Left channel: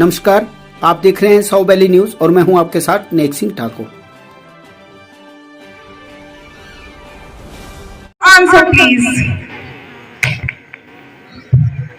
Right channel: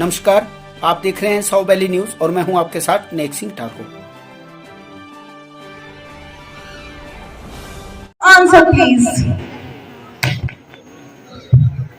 नमस्कार, आप देख रहे हैं साउथ वैली न्यूज और मैं हूं आपके साथ नेक सिंह ठाकुर। Answer please.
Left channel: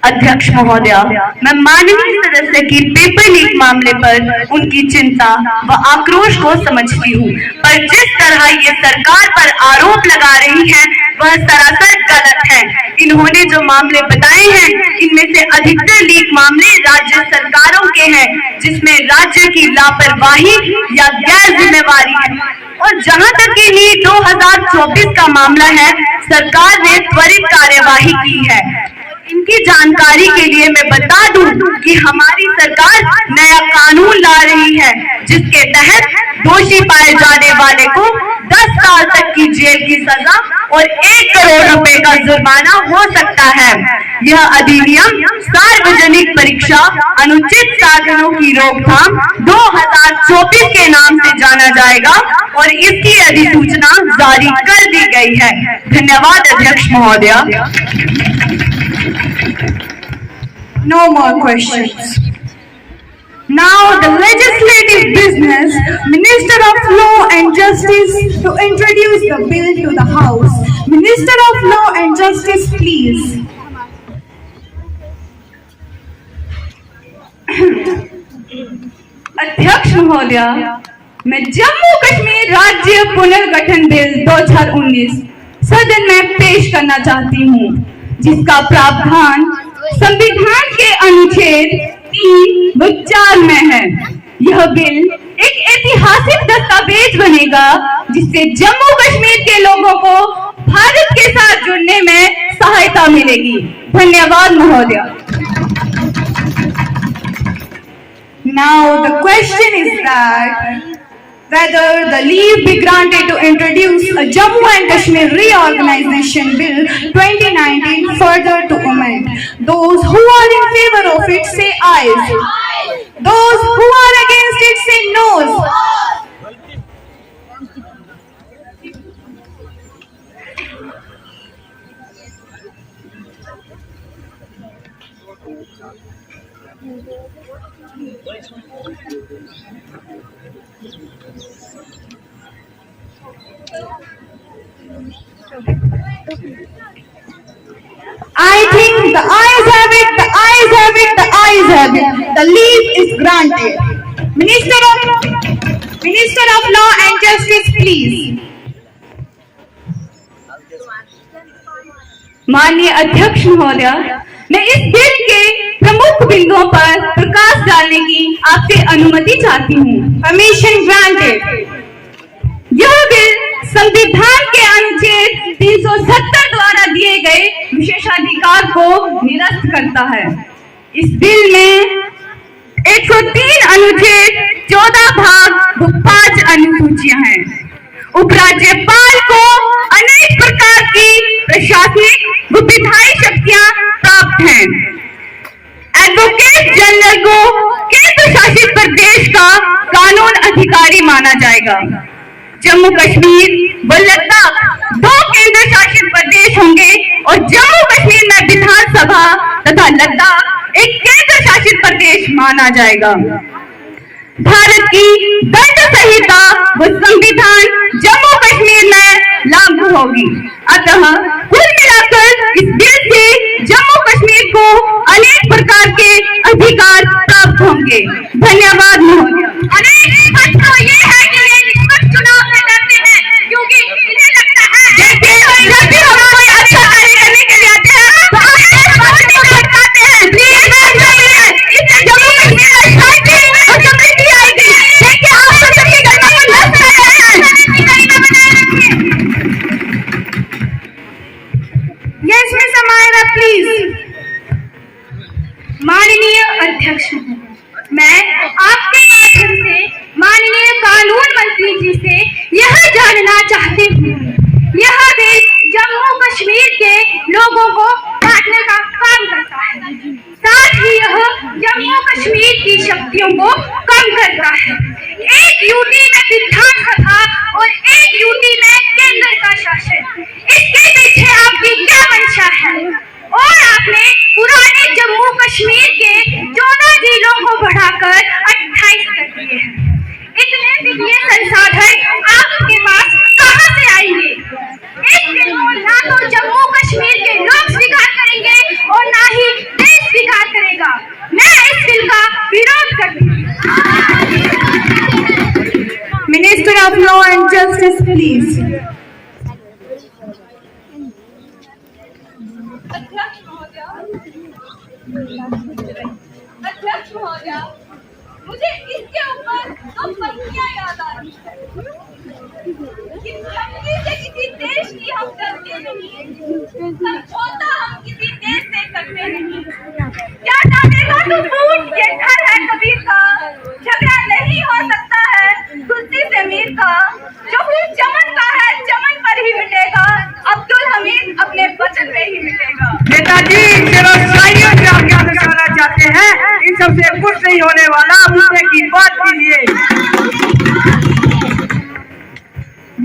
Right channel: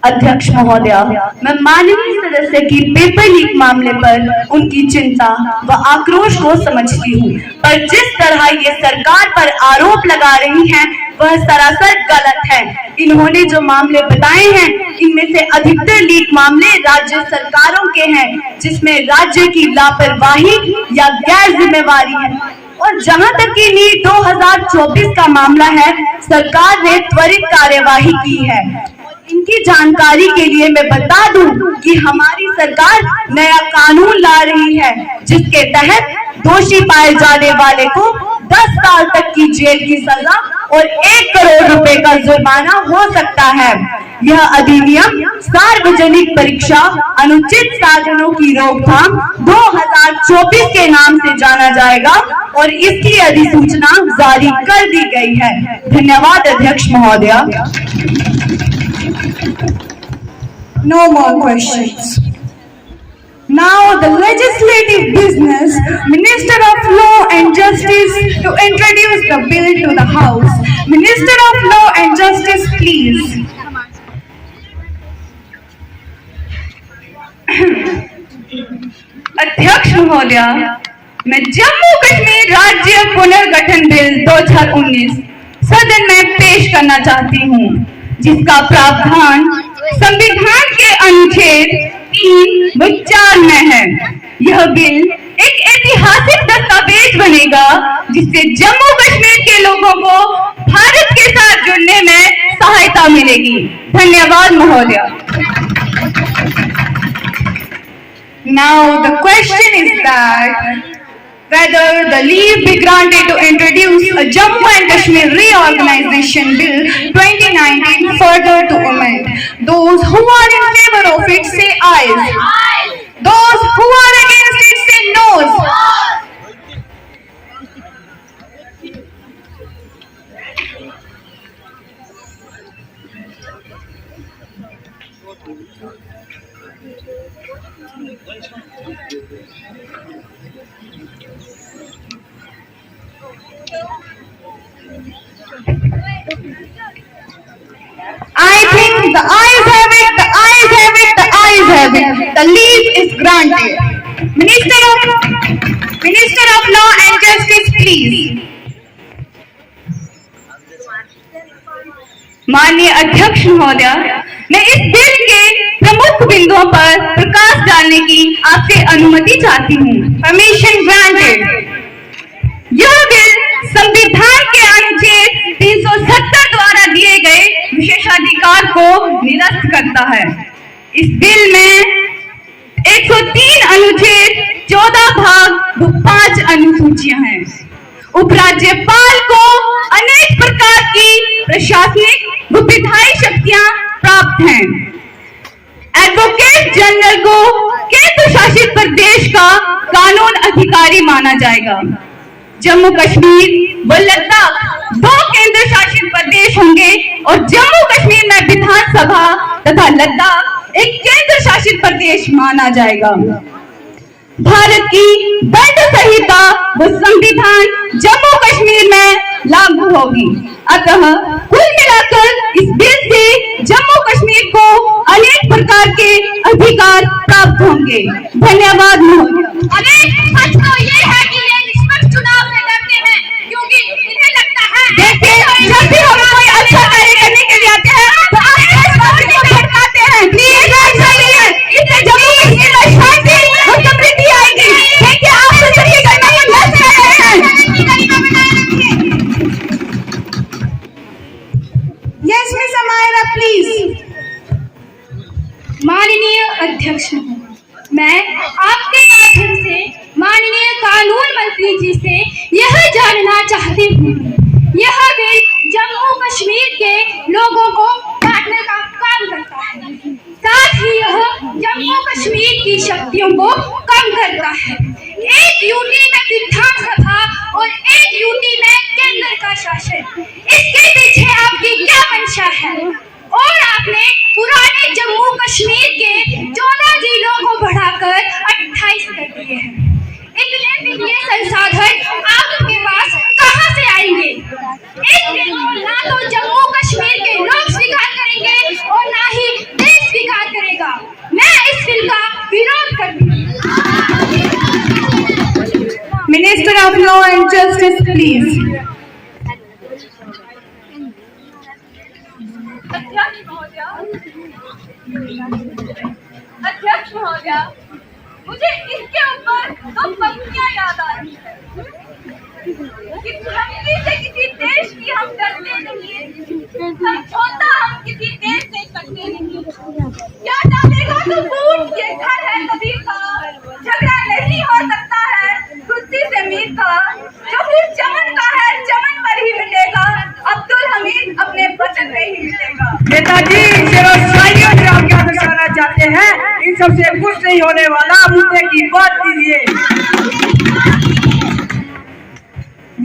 अध्यक्ष महोदया, मैं माननीय सदस्य की पेपर लीक मामले पर उनकी चिंता व आक्रोश को समझती हूँ, पर जिस तरह ये सरकार पर आरोप लगा रही हैं वह सरासर गलत है। इन्होंने जो मामले बताए हैं इनमें से अधिकतर लीक मामले राज्य सरकारों के हैं, जिसमें राज्य की लापरवाही या गैर जिम्मेवारी है। और जहां तक कि नीट 2024 का मामला है, सरकार ने त्वरित कार्यवाही की है। इनकी जानकारी के लिए मैं बता दूं कि हमारी सरकार नया कानून ला रही है, जिसके तहत दोषी पाए जाने वाले को 10 साल तक की जेल की सजा और 1 करोड़ रुपए का जुर्माना हो सकता है। यह अधिनियम सार्वजनिक परीक्षा अनुचित साधनों की रोकथाम 2024 के नाम से जाना जाएगा और इसकी अधिसूचना जारी कर दी गई है। धन्यवाद अध्यक्ष महोदया। No more questions. Now the legislative business, Minister of Law and Justice to introduce the bill to the House. Minister of Law and Justice, please. अध्यक्ष महोदया, मैं जम्मू कश्मीर राज्य पुनर्गठन बिल 2019 सदन में पेश करना चाहती हूँ, जिसका प्रावधान संविधान के अनुच्छेद 3 व 4 में है। यह बिल एक ऐतिहासिक दस्तावेज बनेगा, जिससे जम्मू कश्मीर के लोगों को भारत के साथ जुड़ने में सहायता मिलेगी। धन्यवाद महोदया। Now the question is that whether the leave be granted to introduce a Jammu and Kashmir Reorganization Bill 2019 further to amend. Those who are in favor of it say ayes. Those who are against it say noes. I think the ayes have it, the ayes have it, the ayes have it. The leave is granted. Minister of Law and Justice, please. माननीय अध्यक्ष महोदया, मैं इस bill के प्रमुख बिंदुओं पर प्रकाश डालने की आपसे अनुमति चाहती हूँ। Permission granted. यह बिल संविधान के अनुच्छेद 370 द्वारा दिए गए विशेषाधिकार को निरस्त करता है। इस बिल में 103 अनुच्छेद 14 भाग व 5 अनुसूचियां हैं। उपराज्यपाल को अनेक प्रकार की प्रशासनिक व विधायी शक्तियां प्राप्त हैं। एडवोकेट जनरल को केंद्र शासित प्रदेश का कानून अधिकारी माना जाएगा। जम्मू कश्मीर व लद्दाख 2 केंद्र शासित प्रदेश होंगे और जम्मू कश्मीर में विधानसभा तथा लद्दाख एक केंद्र शासित प्रदेश माना जाएगा। भारत की दंड संहिता व संविधान जम्मू कश्मीर में लागू होगी। अतः कुल मिलाकर इस बिल से जम्मू कश्मीर को अनेक प्रकार के अधिकार प्राप्त होंगे। धन्यवाद महोदया। अनेक बच्चों ये है कि ये निष्पक्ष चुनाव से डरते हैं, क्योंकि इन्हें लगता है जैसे जब भी हम कोई अच्छा कार्य करने के लिए आते हैं तो आप देशभक्ति को भड़काते हैं। प्लीज इससे जम्मू कश्मीर में शांति और समृद्धि आएगी। देखिए आप तो सबकी गणना में नष्ट कर रहे हैं। Yes, Miss Amira, please. माननीय अध्यक्ष, मैं आपके माध्यम से माननीय कानून मंत्री जी से यह जानना चाहती हूँ, यह बिल जम्मू कश्मीर के लोगों को बांटने का काम करता है, साथ ही यह जम्मू कश्मीर की शक्तियों को कम करता है। एक यूटी में विधानसभा और एक यूटी में केंद्र का शासन, इसके पीछे आपकी क्या मंशा है? और आपने पुराने जम्मू कश्मीर के 14 जिलों को बढ़ा of Law and Justice, please. अध्यक्ष महोदया, मुझे इसके ऊपर दो पंक्तियां याद आ रही है कि धमकी से किसी देश की हम डरते नहीं, समझौता हम किसी देश से करते नहीं। क्या जानेगा तू ऊंट ये घर है कबीर का, झगड़ा नहीं हो सकता है कुर्सी से मीर का। जो फिर चमन का है चमन पर ही मिटेगा, अब्दुल हमीद अपने वचन में ही मिटेगा। नेताजी व्यवसायियों से आप क्या दर्शाना चाहते हैं? इन सबसे कुछ नहीं होने वाला, मुद्दे की बात कीजिए।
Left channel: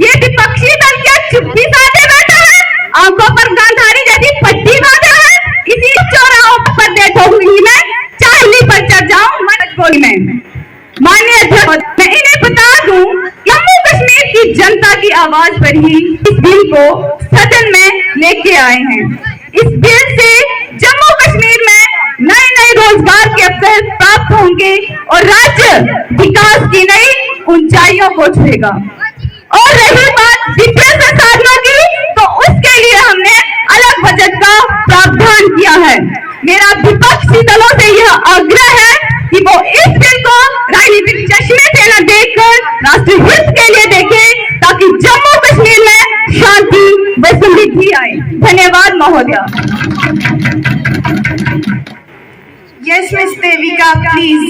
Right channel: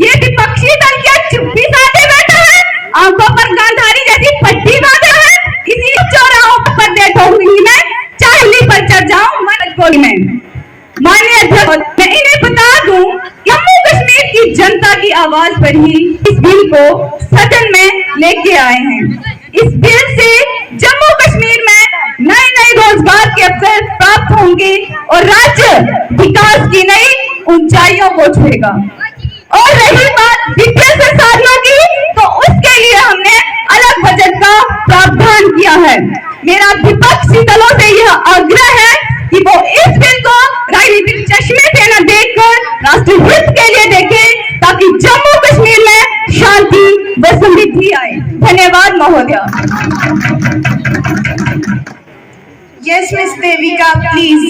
ये विपक्षी दल क्या चुप्पी साधे बैठा है, आंखों पर गांधारी जैसी पट्टी बांधा है। इसी चौराहों पर बैठो हुई मैं चाहली पर चढ़ जाऊं मदद गोली में। माननीय अध्यक्ष, मैं इन्हें बता दूं, जम्मू कश्मीर की जनता की आवाज पर ही इस बिल को सदन में लेके आए हैं। इस बिल से जम्मू कश्मीर में नए नए रोजगार के अवसर प्राप्त होंगे और राज्य विकास की नई ऊंचाइयों को छुएगा। और रही बात वित्तीय संसाधनों की, तो उसके लिए हमने अलग बजट का प्रावधान किया है। मेरा विपक्षी दलों से यह आग्रह है कि वो इस बिल को राजनीतिक चश्मे से न देखकर राष्ट्रहित के लिए देखें, ताकि जम्मू कश्मीर में शांति व समृद्धि आए। धन्यवाद महोदया। Yes miss Devika, please.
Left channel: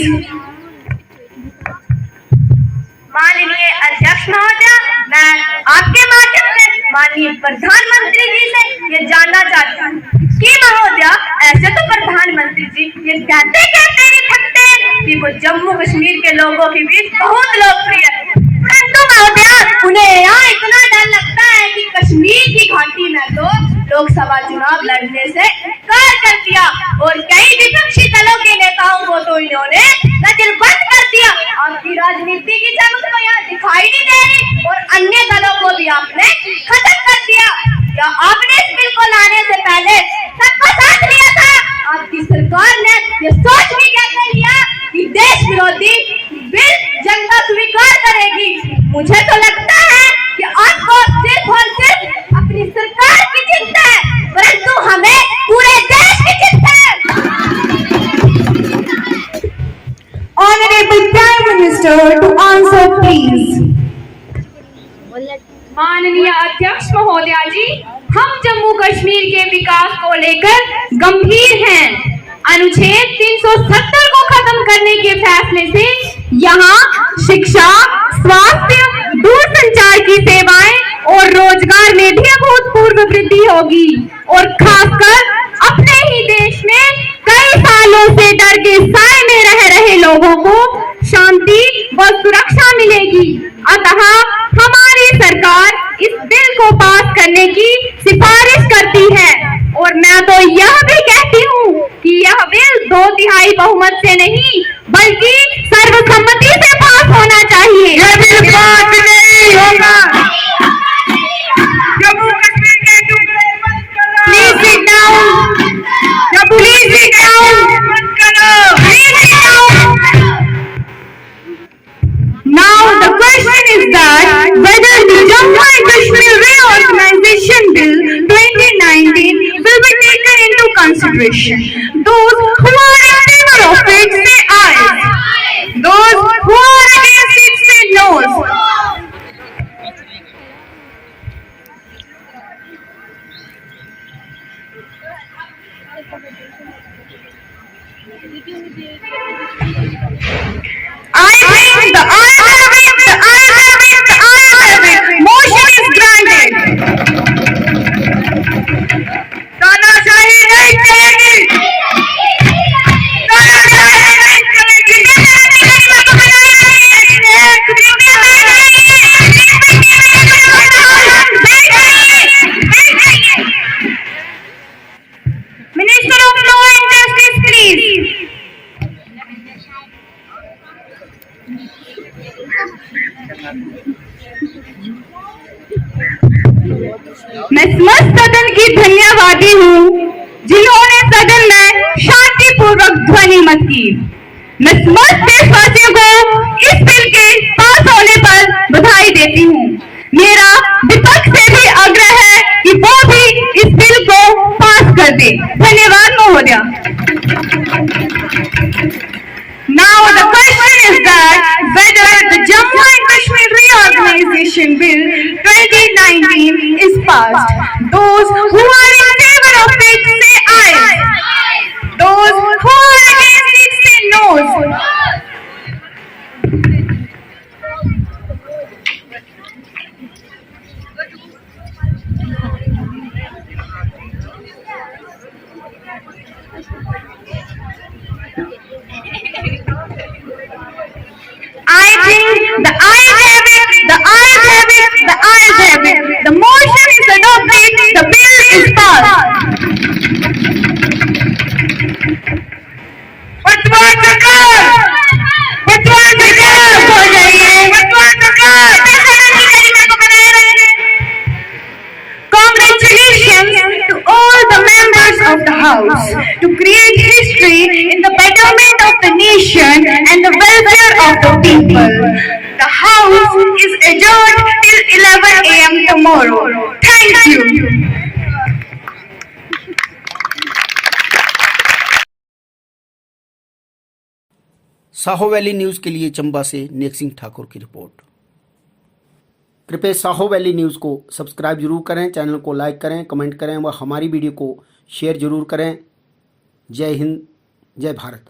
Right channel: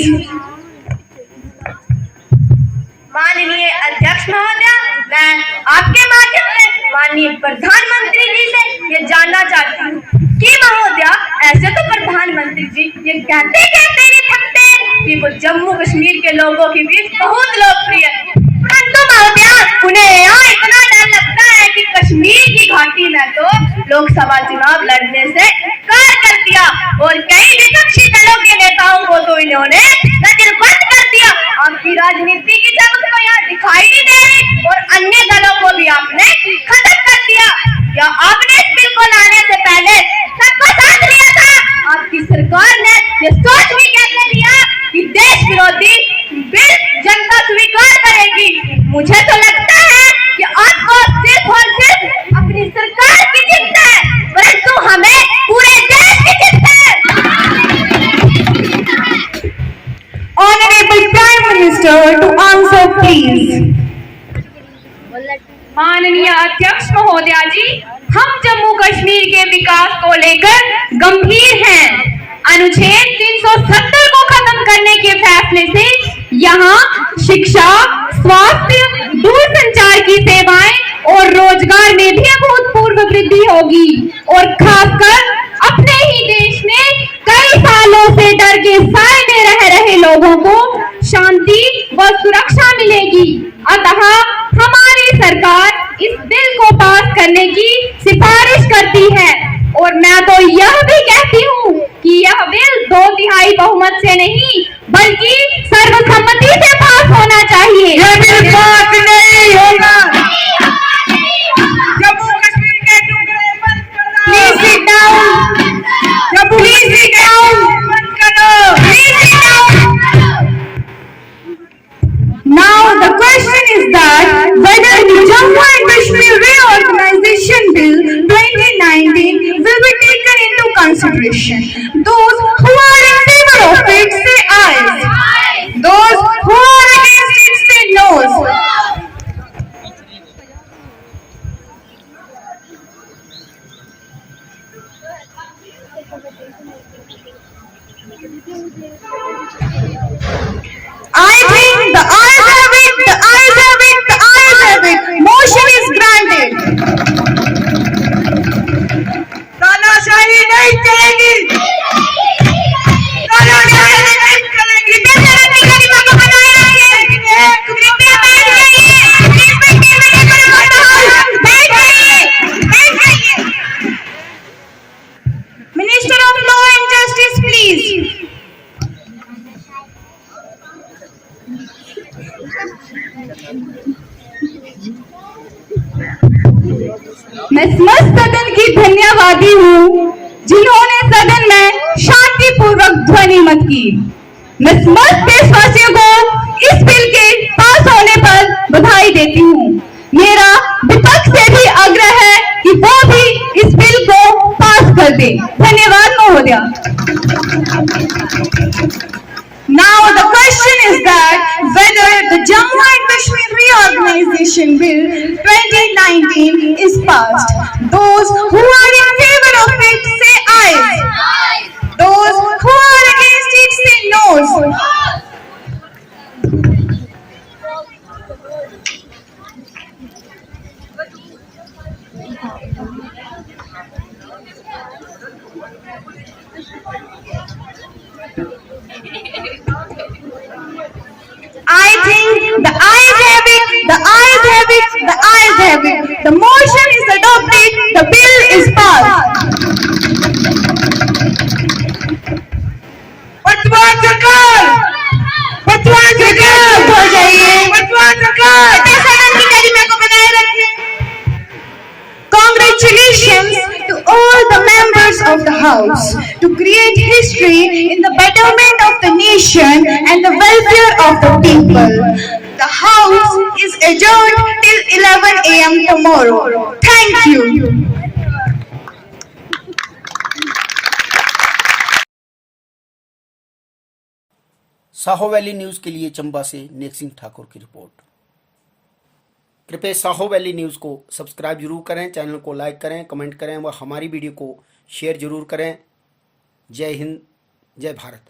माननीय अध्यक्ष महोदया, मैं आपके माध्यम से माननीय प्रधानमंत्री जी से ये जानना चाहती हूँ कि महोदया, ऐसे तो प्रधानमंत्री जी ये कहते कहते नहीं थकते कि वो जम्मू कश्मीर के लोगों के बीच बहुत लोकप्रिय है, परंतु महोदया उन्हें यहाँ इतना डर लगता है कि कश्मीर की घाटी में तो लोकसभा चुनाव लड़ने से इनकार कर दिया और कई विपक्षी दलों के नेताओं को तो इन्होंने नजरबंद कर दिया। आपकी राजनीति की चमक तो यहाँ दिखाई नहीं दे रही और अन्य दलों को भी आपने खत्म कर दिया। क्या आपने इस बिल को लाने से पहले सबको साथ लिया था? आपकी सरकार ने ये सोच भी कैसे लिया कि देश विरोधी बिल जनता स्वीकार करेगी? मुझे तो लगता है कि आपको सिर्फ और सिर्फ अपनी सरकार की चिंता है, परंतु हमें पूरे देश की चिंता है। Honorable Prime Minister to answer, please. माननीय अध्यक्ष महोदया जी, हम जम्मू कश्मीर के विकास को लेकर गंभीर हैं। अनुच्छेद 370 को खत्म करने के फैसले से यहाँ शिक्षा, स्वास्थ्य, दूरसंचार की सेवाएं और रोजगार में भी अभूतपूर्व वृद्धि होगी और खासकर अपने ही देश में कई सालों से डर के साए में रह रहे लोगों को शांति व सुरक्षा मिलेगी। अतः हमारी सरकार इस बिल को पास करने की सिफारिश करती है और मैं तो यह भी कहती हूँ कि यह बिल 2/3 बहुमत से नहीं बल्कि सर्वसम्मति से पास होना चाहिए। यह बिल पास नहीं होगा। जम्मू कश्मीर के टुकड़े मत करो। Please sit down. Please sit down. मत करो। Please sit down. Now the question is that whether the Jammu and Kashmir Reorganization Bill 2019 will be taken into consideration. Those who are in favor of it say aye. Those who are against it say no. I think the ayes have it, the ayes have it, the ayes have it. Motion is granted. तानाशाही नहीं चलेगी। तानाशाही नहीं चलेगी। Minister of Law and Justice, please. मैं समस्त सदन की धन्यवादी हूँ जिन्होंने सदन में शांतिपूर्वक ध्वनि मत की। मैं समस्त देशवासियों को इस बिल के पास होने पर बधाई देती हूँ। मेरा विपक्ष से भी आग्रह है कि वो भी इस बिल को पास कर दे। धन्यवाद महोदया। Now the question is that whether the Jammu and Kashmir Reorganization Bill 2019 is passed. Those who are in favor of it say aye. Those who are against it say no. I think the ayes have it, the ayes have it, the ayes have it. The motion is adopted, the bill is passed. पटवार सरकार, पटवार सरकार हो जाइए। पटवार सरकार सदन की गरिमा को बनाए रखें। Congratulations to all the members of the House to create history in the betterment of the nation and the welfare of the people. The House is adjourned till 11 a.m. tomorrow. Thank you. Saho valley news के लिए चंबा से नेक सिंह ठाकुर की report. कृपया Saho valley news को subscribe जरूर करें, channel को like करें, कमेंट करें व हमारी वीडियो को शेयर जरूर करें। जय हिंद, जय भारत।